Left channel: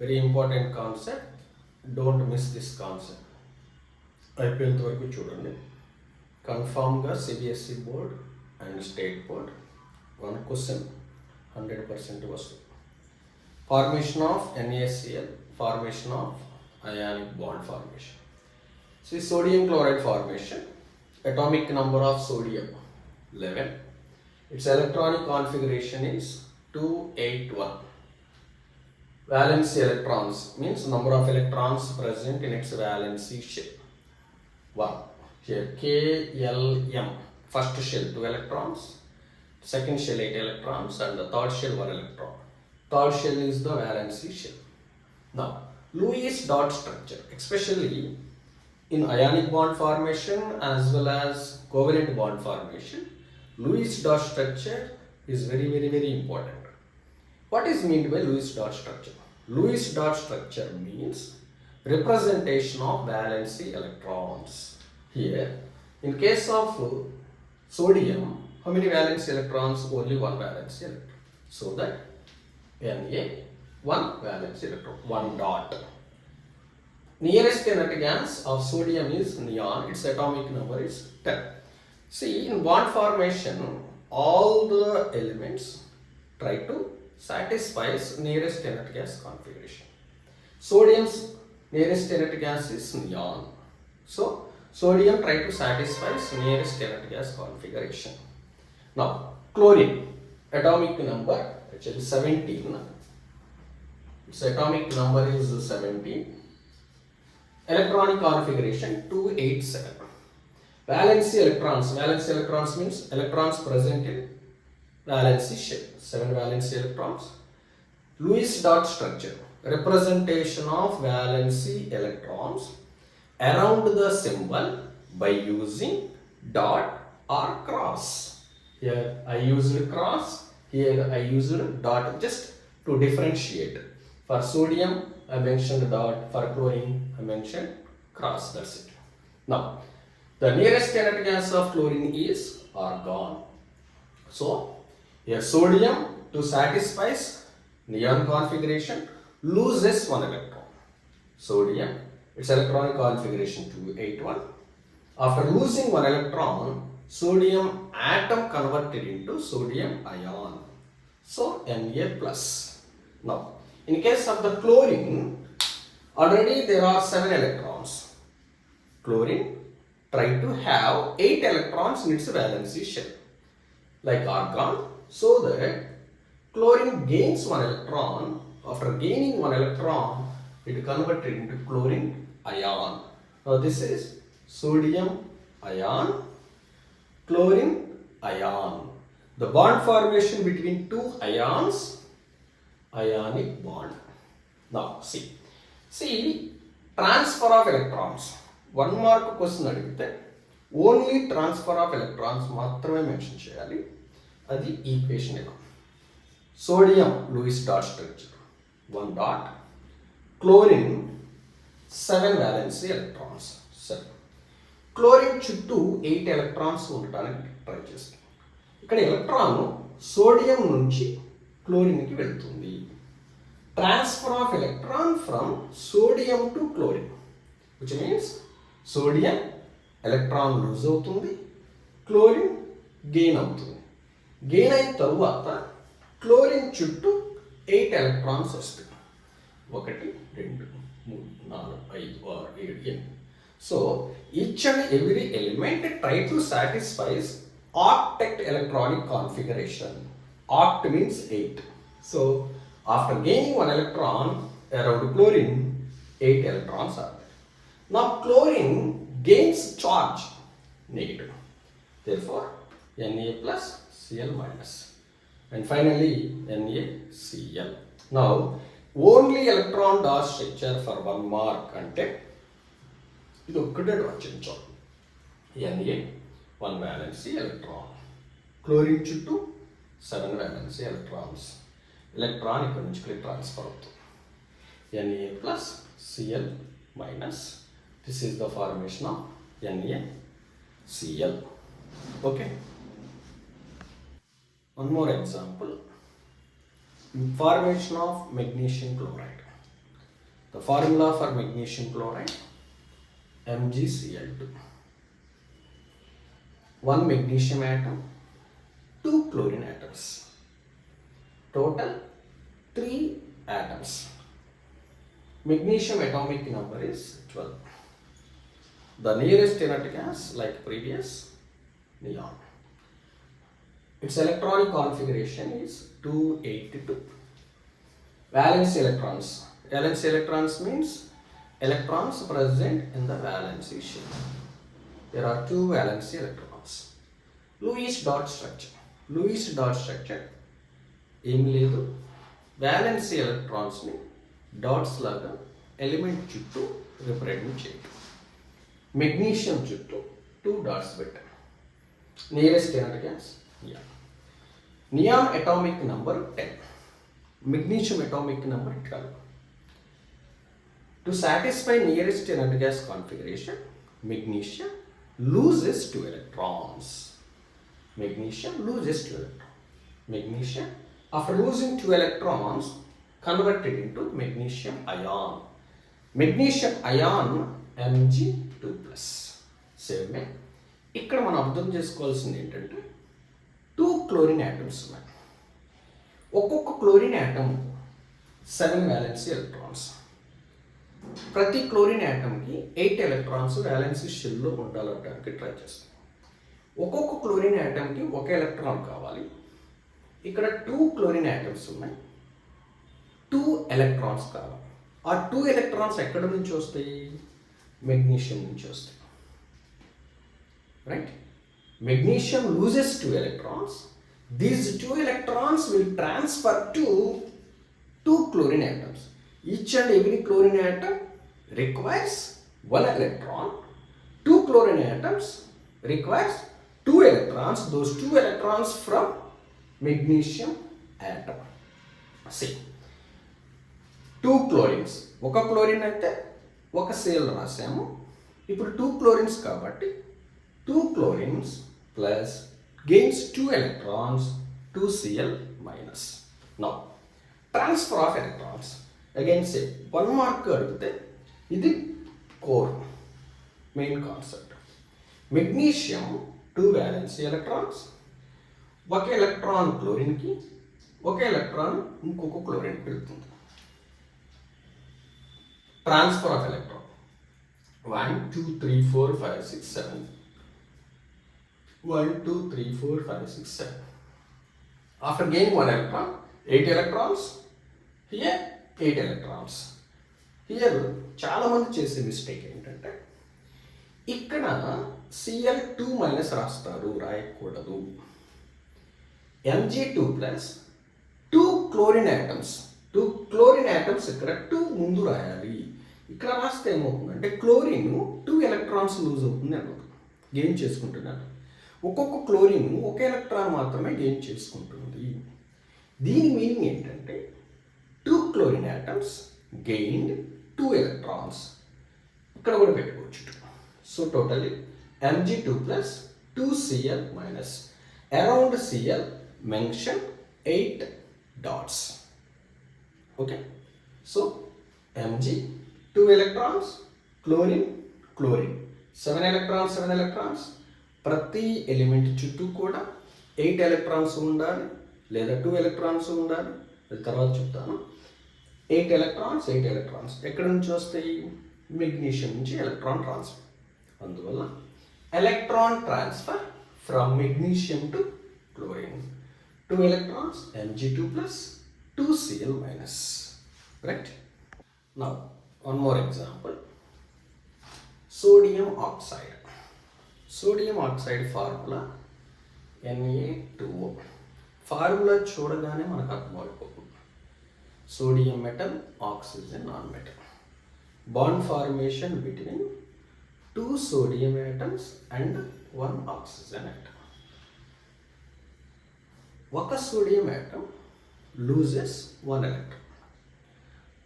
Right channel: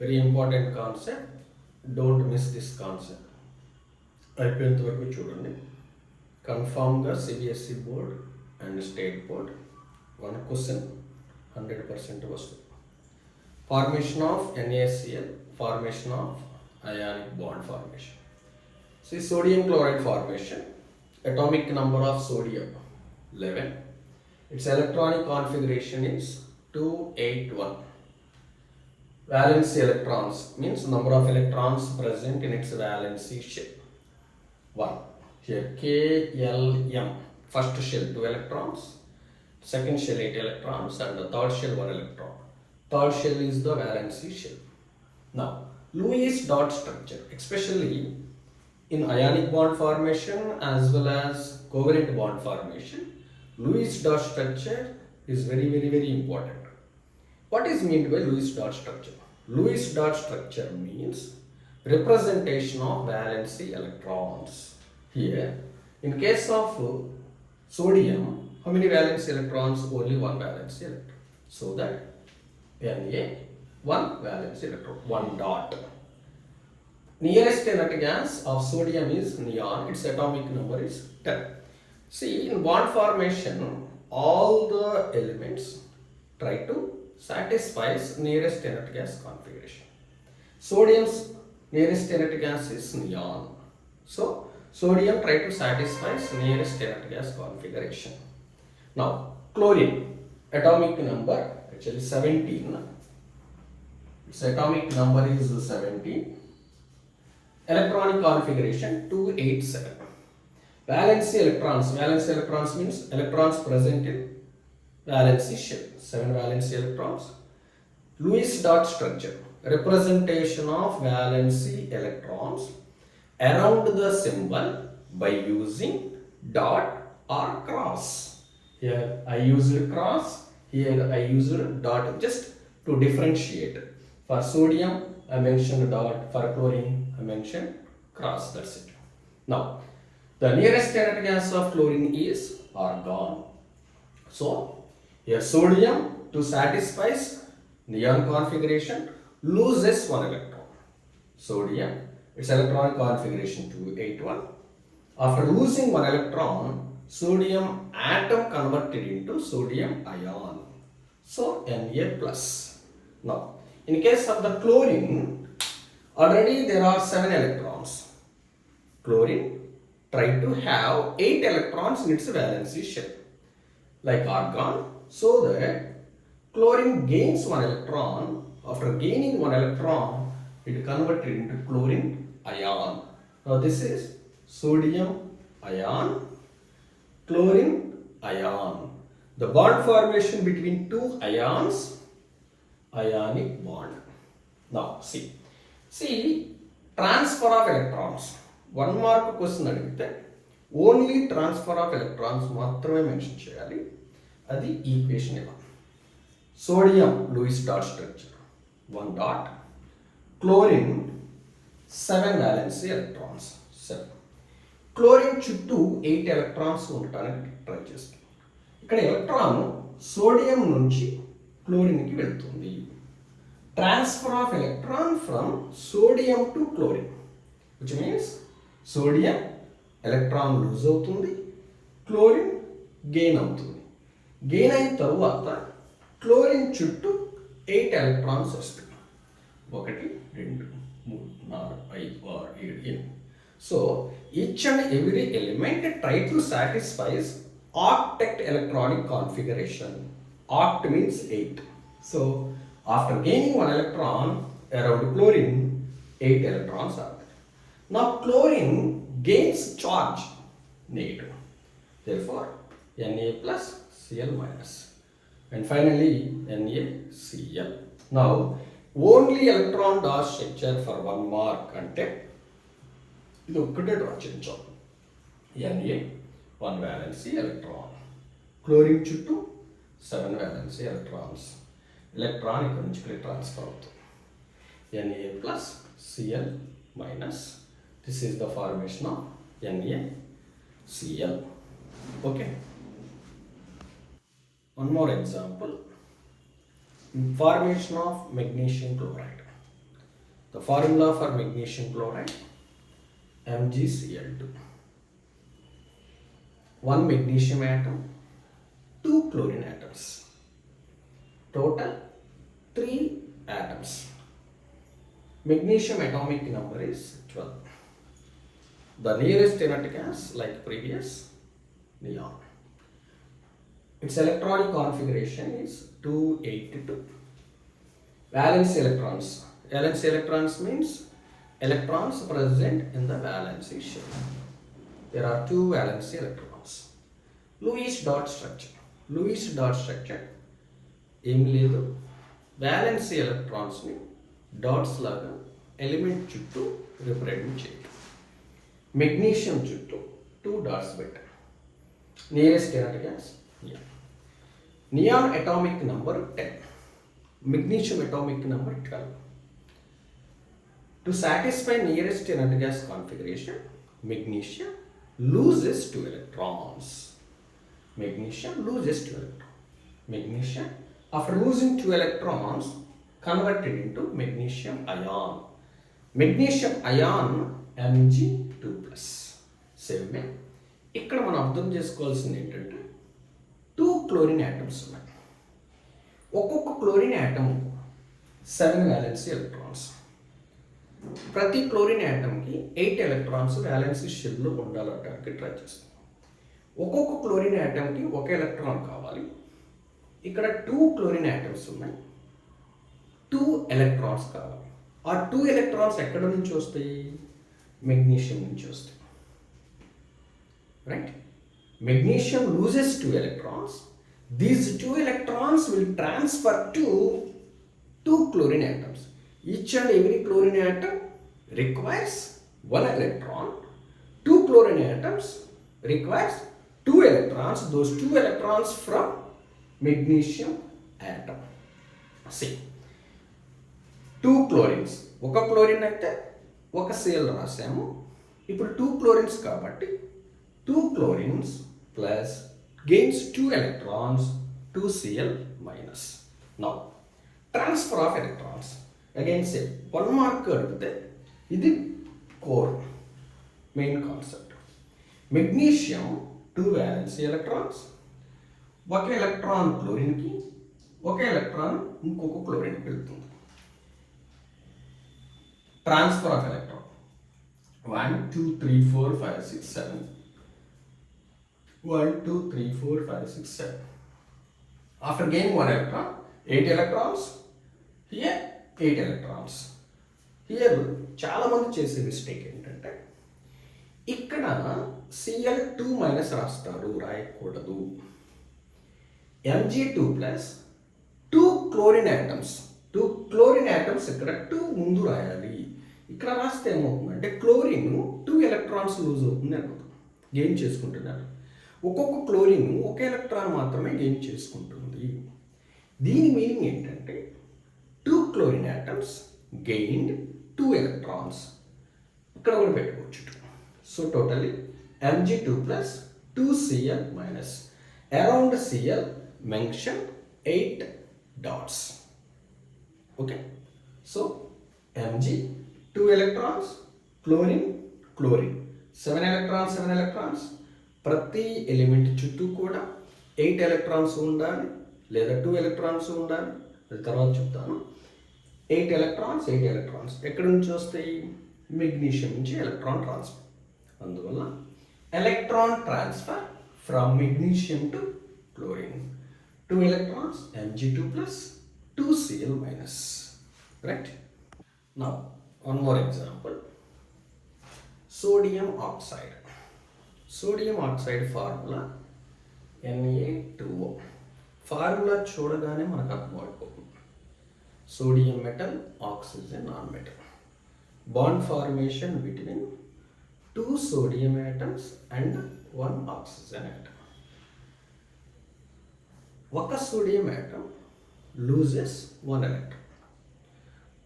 Very important concept. Don't miss this concept. అయిపోయేంత వరకు చూడండి. కన్ఫామ్గా CBSE board and state board one question 100% వస్తుంది. Formation of NaCl, formation of ionic bond formation. See, sodium chloride formation, atomic number of sodium 11. Its electronic configuration is 281. Valency electrons means number of electrons present in its valency shell 1. Here KLM, first shell 2 electrons, second shell 8 electrons, and the third shell 1 electron. Third shell is the valency shell. Now, Lewis dot structure, especially in ionic bond formation as well as covalent bond formation, Lewis dot structure is very important. What is meant by Lewis dot structure? Lewis dot structure means representation of valency electrons. Here, in case of sodium, how many valence electrons? Only one valence electron. So that Na, one valence electron, one dot. Nearest kinetic gas of sodium is neon. Its atomic number is 10. See, in bond formation, all the elements try to satisfy nearest kinetic gas configuration. Sodium's nearest kinetic gas is neon. So, sodium try to satisfy nearest kinetic gas configuration. Now, chlorine, atomic number actually 17. Its atomic number is 17. Electronic configuration 287. Valency electrons means electrons present in valency shell, 7 valency electrons. Lewis dot structure, representation of valency electrons around the symbol by using dot or cross. Here I used cross, here I used dot just to differentiate. For sodium I mentioned dot, for chlorine I mentioned cross, that's it. Now, the nearest kinetic gas of chlorine is argon. So, here sodium to satisfy neon configuration loses one electron. Sodium, its electronic configuration 281. After losing one electron, sodium atom converted into sodium ion. So, Na plus. Now, in case of the chlorine, already there are 7 electrons. Chlorine try to have 8 electrons in its valency shell, like argon, so that chlorine gains 1 electron. After gaining 1 electron, it converted into chlorine ion. Now this is sodium ion, chlorine ion. The bond formation between two ions, ionic bond. Now see transfer of electrons. 1 mark question అడిగితే only transfer of electrons మాత్రమే mention చేయాలి. అది equation ఇలా. Sodium Lewis dot structure 1 dot, chlorine 7 valency electrons 7. Chlorine చుట్టూ 8 electrons ఉండటానికి ట్రై చేస్తుంది. ఇక్కడ electron sodium నుంచి క్లోరిన్కి వెళ్తుంది. Transfer of electron from sodium to chlorine, which means sodium electron lose అవుతుంది, క్లోరిన్ గెయిన్ అవుతుంది. గెయిన్ అయిన తరువాత క్లోరిన్ చుట్టూ 8 ఎలక్ట్రాన్స్ వస్తాయి. 1 2 3 4 5 6 7 8. So each and every element try to satisfies octet electronic configuration. Oct means 8. So after gaining 1 electron around chlorine, 8 electrons are there. Now chlorine gains charge negative. Therefore Na plus Cl minus. And finally NaCl. Now only electron dot structure for 1 mark ante ఇది ఒక్కటే డ్రా చేయించాం. Na 1 valency electron, chlorine చుట్టూ 7 valency electrons. Electron ఇక్కడ నుంచి ఇక్కడ ట్రాన్స్ఫర్ అవుతుంది. Na plus Cl minus. This is the formation of NaCl. Okay. One more example. Formation of magnesium chloride. The formula for magnesium chloride, MgCl2. One magnesium atom, two chlorine atoms. Total 3 atoms. Magnesium atomic number is 12. The nearest inert gas, like previous, neon. Its electronic configuration is 282. Valence electrons. Valence electrons means electrons present in the valency shell. There are 2 valency electrons. Lewis dot structure. Lewis dot structure ఏమి లేదు, valency electrons ని డాట్స్ లాగా ఎలిమెంట్ చుట్టూ రిప్రజెంట్ చేయడం. మెగ్నీషియం చుట్టూ 2 డాట్స్ పెట్టాం. Nearest inert gas neon atomic number 10, magnesium atomic number 12. To satisfy nearest inert gas configuration, magnesium loses 2 electrons. Magnesium loses 2 electrons. Magnesium, after losing 2 electrons, converted into magnesium ion. Magnesium ion Mg2+. Same way, ఇక్కడ మనం అర్థం చేసుకోవాల్సింది ఏంటంటే 2 chlorine atoms ఉన్నాయి. ఒక్కొక్క chlorine atom 7 valency electrons. ప్రతి క్లోరిన్ యాటమ్కి 8 electrons valency షెల్లో ఉండాలంటే ట్రై చేస్తాం. ఒక్కొక్క క్లోరిన్ యాటమ్కి 1 ఎలక్ట్రాన్ కావాలి. ఇక్కడ 2 క్లోరిన్ యాటమ్స్ ఉన్నాయి, 2 ఎలక్ట్రాన్స్ కావాలి. ఆ 2 ఎలక్ట్రాన్స్ ఎక్కడ నుంచి వస్తాయి? మెగ్నీషియం నుంచి వస్తాయి. Right? Magnesium loses 2 electrons. These 2 electrons will transfer to 2 chlorine atoms. Each and every chlorine atom requires 1 electron. 2 chlorine atoms requires 2 electrons. Those 2 electrons from magnesium atom. See, 2 chlorines. ఒక క్లోరిన్ అయితే ఒక Cl రాసాము. ఇప్పుడు 2 chlorines కాబట్టి 2 chlorines plus gains 2 electrons, 2 Cl minus. Now, transfer of electrons. Again say, 1 mark అడిగితే ఇది core, main concept. Magnesium 2 valence electrons, ఒక ఎలక్ట్రాన్ క్లోరిన్కి, ఒక ఎలక్ట్రాన్ ఇంకొక క్లోరిన్కి వెళ్తుంది. Transfer of electron 1 2 3 4 5 6 7. 1 2 3 4 5 6 7. After gaining 1 electron, 8 electrons. Here 8 electrons. Here చాలా మంది చేసే మిస్టేక్ ఏంటంటే ఇక్కడ Cl2 మైనస్ రాస్తారు, రాయకూడదు. Mg2+, 2 క్లోరిన్ యాటమ్స్. 2 క్లోరిన్ యాటమ్స్ ఇక్కడ 2 ముందు రాయాలి. ఇక్కడ రాస్తే ఏమవుతుందంటే క్లోరిన్ 2 ఎలక్ట్రాన్స్ లూజ్ అవుతుంది అన్నమాట, గెయిన్ చేసుకుంటున్నారు. ఒక్కొక్క క్లోరిన్ ఒక ఎలక్ట్రాన్ మాత్రమే గెయిన్ చేసుకుంటుంది. దీని మీనింగ్ ఏంటంటే 2 క్లోరిన్ యాటమ్స్ గెయిన్డ్ 2 ఎలక్ట్రాన్స్. ఇక్కడ కూడా పెట్టుకోవచ్చు. So totally Mg2+, 2 Cl minus. Around Cl mention 8 dots. Okay, so Mg 2 electrons, chlorine chlorine 7 electrons 7 electrons. ప్రతి ఎలిమెంట్ చుట్టూ కూడా 8 ఎలక్ట్రాన్స్ ఉండాలి, లేదా 2 ఎలక్ట్రాన్స్ ఉండాలి. అది తర్వాత చెప్తాను. 8 ఎలక్ట్రాన్స్ 8 ఎలక్ట్రాన్స్ ఎక్కడి నుంచి వస్తాయి? మెగ్నీషియం నుంచి ఎలక్ట్రాన్ ట్రాన్స్ఫర్. అందువల్ల electron transfer from magnesium to chlorine. 2 electrons, Mg2+, 2 Cl minus. Right? Now, one more example. Sodium oxide. Sodium oxide formula Na2O. Formula చూడగానే మనకు అర్థమైపోతుంది. Sodium metal, oxygen non-metal. Bond formation between 2 sodium atoms and 1 oxygen atom. ఒక sodium atom loses 1 electron.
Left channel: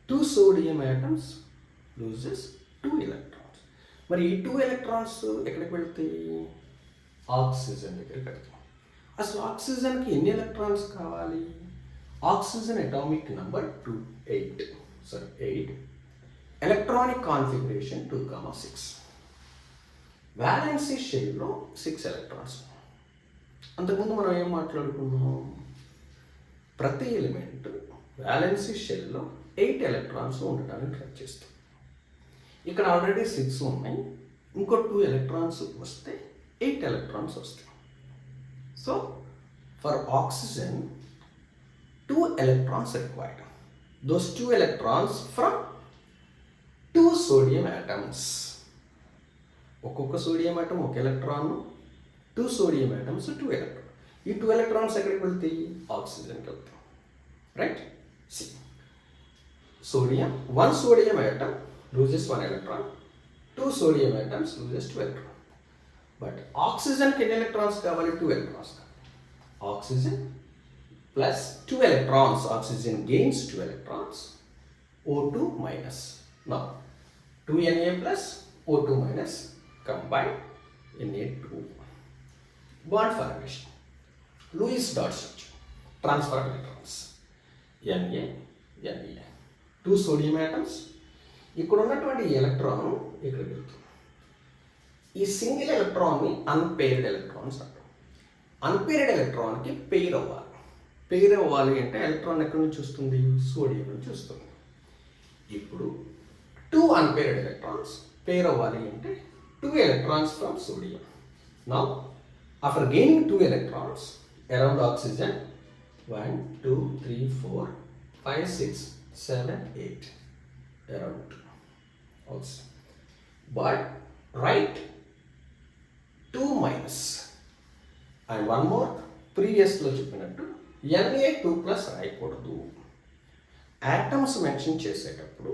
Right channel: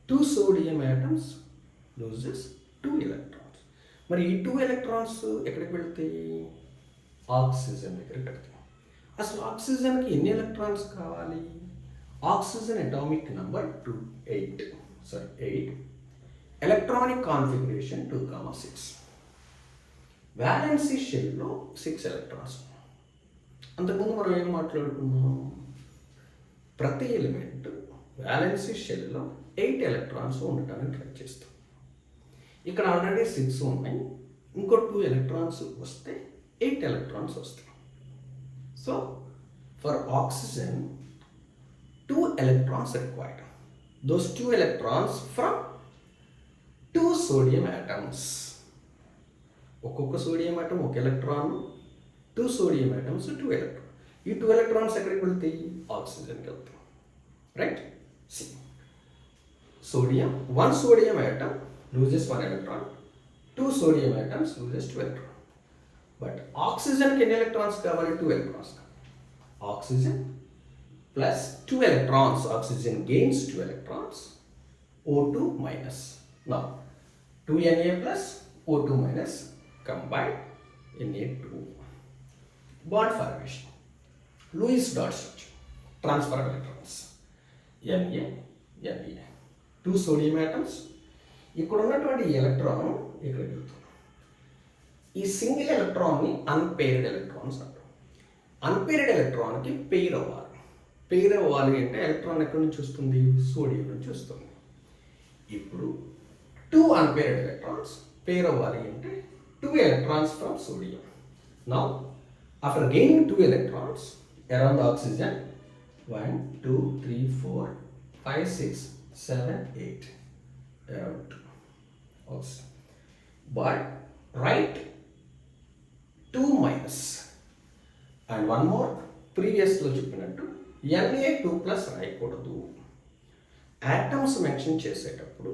2 sodium atoms loses 2 electrons. మరి ఈ 2 electrons ఎక్కడికి వెళ్తాయి? ఆక్సిజన్ దగ్గరికి వెళ్తాయి. అసలు ఆక్సిజన్కి ఎన్ని ఎలక్ట్రాన్స్ కావాలి? Oxygen atomic number 8. Electronic configuration 2,6. Valency షెల్లో 6 ఎలక్ట్రాన్స్. అంతకుముందు మనం ఏం మాట్లాడుకున్నాం? ప్రతి ఎలిమెంట్ వ్యాలెన్సీ షెల్లో 8 ఎలక్ట్రాన్స్ ఉండటానికి ట్రై చేస్తాం. ఇక్కడ ఆల్రెడీ 6 ఉన్నాయి, ఇంకో 2 ఎలక్ట్రాన్స్ వస్తే 8 ఎలక్ట్రాన్స్ వస్తాయి. So for oxygen 2 electrons required. Those 2 electrons from 2 sodium atoms. ఒక్కొక్క సోడియం ఆటం ఒక ఎలక్ట్రాన్, 2 sodium atoms 2 electrons. ఈ 2 electrons ఎక్కడికి వెళ్తాయి? ఆక్సిజన్కి వెళ్తాయి. Right? See sodium, 1 sodium atom loses 1 electron, 2 sodium atoms loses 2 electrons. But ఆక్సిజన్కి ఎన్ని ఎలక్ట్రాన్స్ కావాలి? 2 electrons. Oxygen plus 2 electrons, oxygen gains 2 electrons, O2 minus. Now 2 Na plus O2 minus combine Na2. Bond formation, Lewis dot structure, transfer of electrons, Na, Na. 2 sodium atoms. ఇక్కడ ఉన్నటువంటి ఎలక్ట్రాన్ ఇక్కడ వెళ్తుంది. ఈ సింగిల్ ఎలక్ట్రాన్ని unpaired electrons అంటారు. అన్పేర్డ్ ఎలక్ట్రాన్కి పెయిర్ అవ్వాలి. పెయిర్ అవ్వాలి అంటే ఎలక్ట్రాన్ ఎక్కడి నుంచి వస్తుంది? సోడియం నుంచి వస్తుంది. ఇప్పుడు 2 అన్పేర్డ్ ఎలక్ట్రాన్స్ పెయిర్ అవ్వాలి అంటే 2 electrons from sodium. Now after gaining 2 electrons around oxygen, 1, 2, 3, 4, 5, 6, 7, 8 around oxygen. But write 2 minus and one more. ప్రీవియస్లో చెప్పినట్టు Na2 ప్లస్ రాయకూడదు. యాటమ్స్ మెన్షన్ చేసేటప్పుడు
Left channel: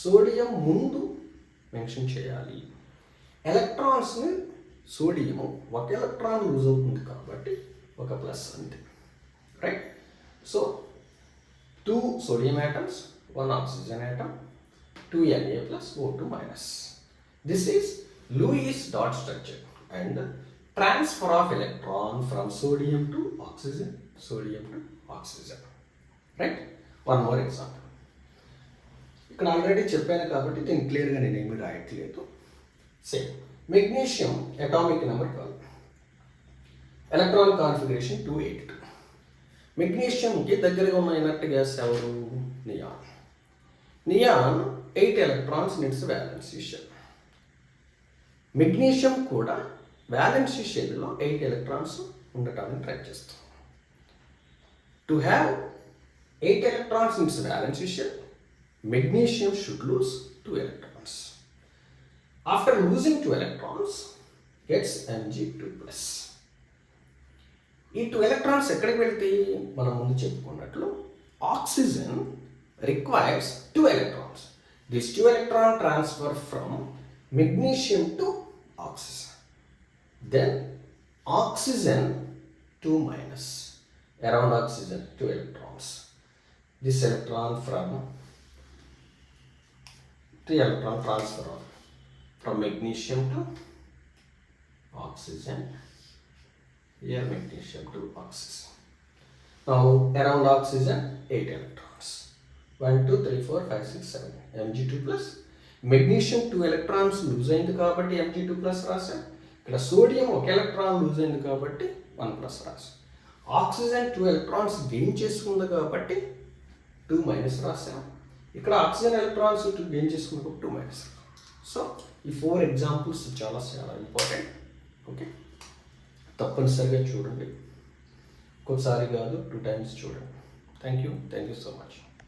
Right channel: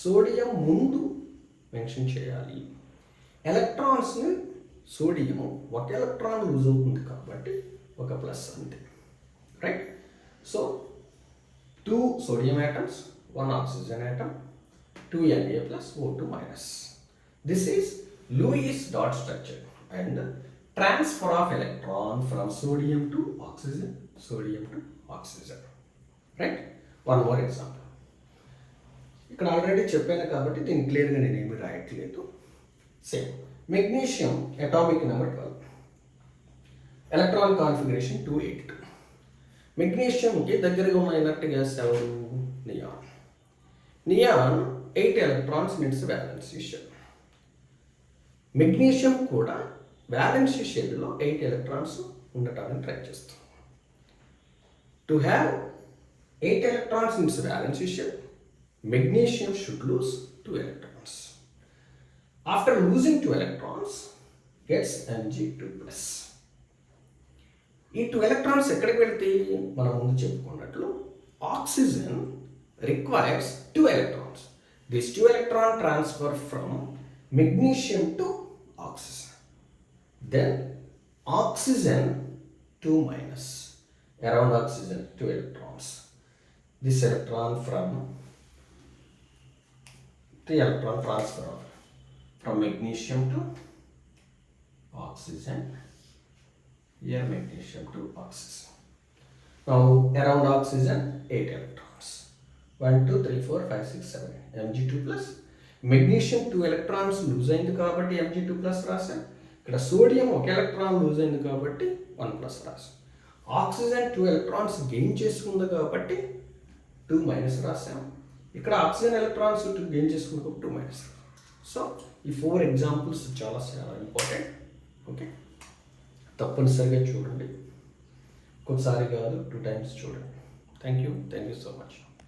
సోడియం ముందు మెన్షన్ చేయాలి. ఎలక్ట్రాన్స్ని సోడియం ఒక ఎలక్ట్రాన్ లూజ్ అవుతుంది కాబట్టి ఒక ప్లస్ అంతే. Right? So 2 sodium atoms, 1 oxygen atom, 2 Na plus O2 minus. This is Lewis dot structure and transfer of electron from sodium to oxygen, sodium to oxygen. Right? One more example. ఇక్కడ already చెప్పాను కాబట్టి దీన్ని క్లియర్గా నేను ఏమి రాయట్లేదు. Same magnesium atomic number 12, electron configuration 282. మెగ్నీషియంకి దగ్గరగా ఉన్న ఇనర్ట్ గ్యాస్ ఎవరు? Neon. Neon 8 electrons in its valency shell. మెగ్నీషియం కూడా వ్యాలెన్సీ షెల్లో 8 electrons ఉండటానికి ట్రై చేస్తాం. To have 8 electrons in its valency shell, magnesium should lose 2 electrons. After losing 2 electrons, gets Mg2+. ఈ 2 electrons ఎక్కడికి వెళ్తాయి? మనం ముందు చెప్పుకున్నట్లు oxygen requires 2 electrons. These 2 electron transfer from magnesium to oxygen. Then oxygen 2 minus. Around oxygen 2 electrons. This electron from 3 electron transfer from magnesium to oxygen. Here magnesium to oxygen. Now around oxygen 8 electrons. 1, 2, 3, 4, 5, 6, 7. Mg2+. Magnesium 2 electrons loose అయింది కాబట్టి Mg2+ రాశాం. ఇక్కడ సోడియం 1 electron loose అయింది కాబట్టి 1+ రాశాం. ఆక్సిజన్ 2 electrons gain చేసుకుంది కాబట్టి 2- రాసాం. ఇక్కడ ఆక్సిజన్ ఎలక్ట్రాన్స్ గెయిన్ చేసుకున్నప్పుడు 2-. సో ఈ 4 ఎగ్జాంపుల్స్ చాలా చాలా ఇంపార్టెంట్. ఓకే, తప్పనిసరిగా చూడండి. ఒకసారి కాదు 2 times చూడండి. Thank you so much.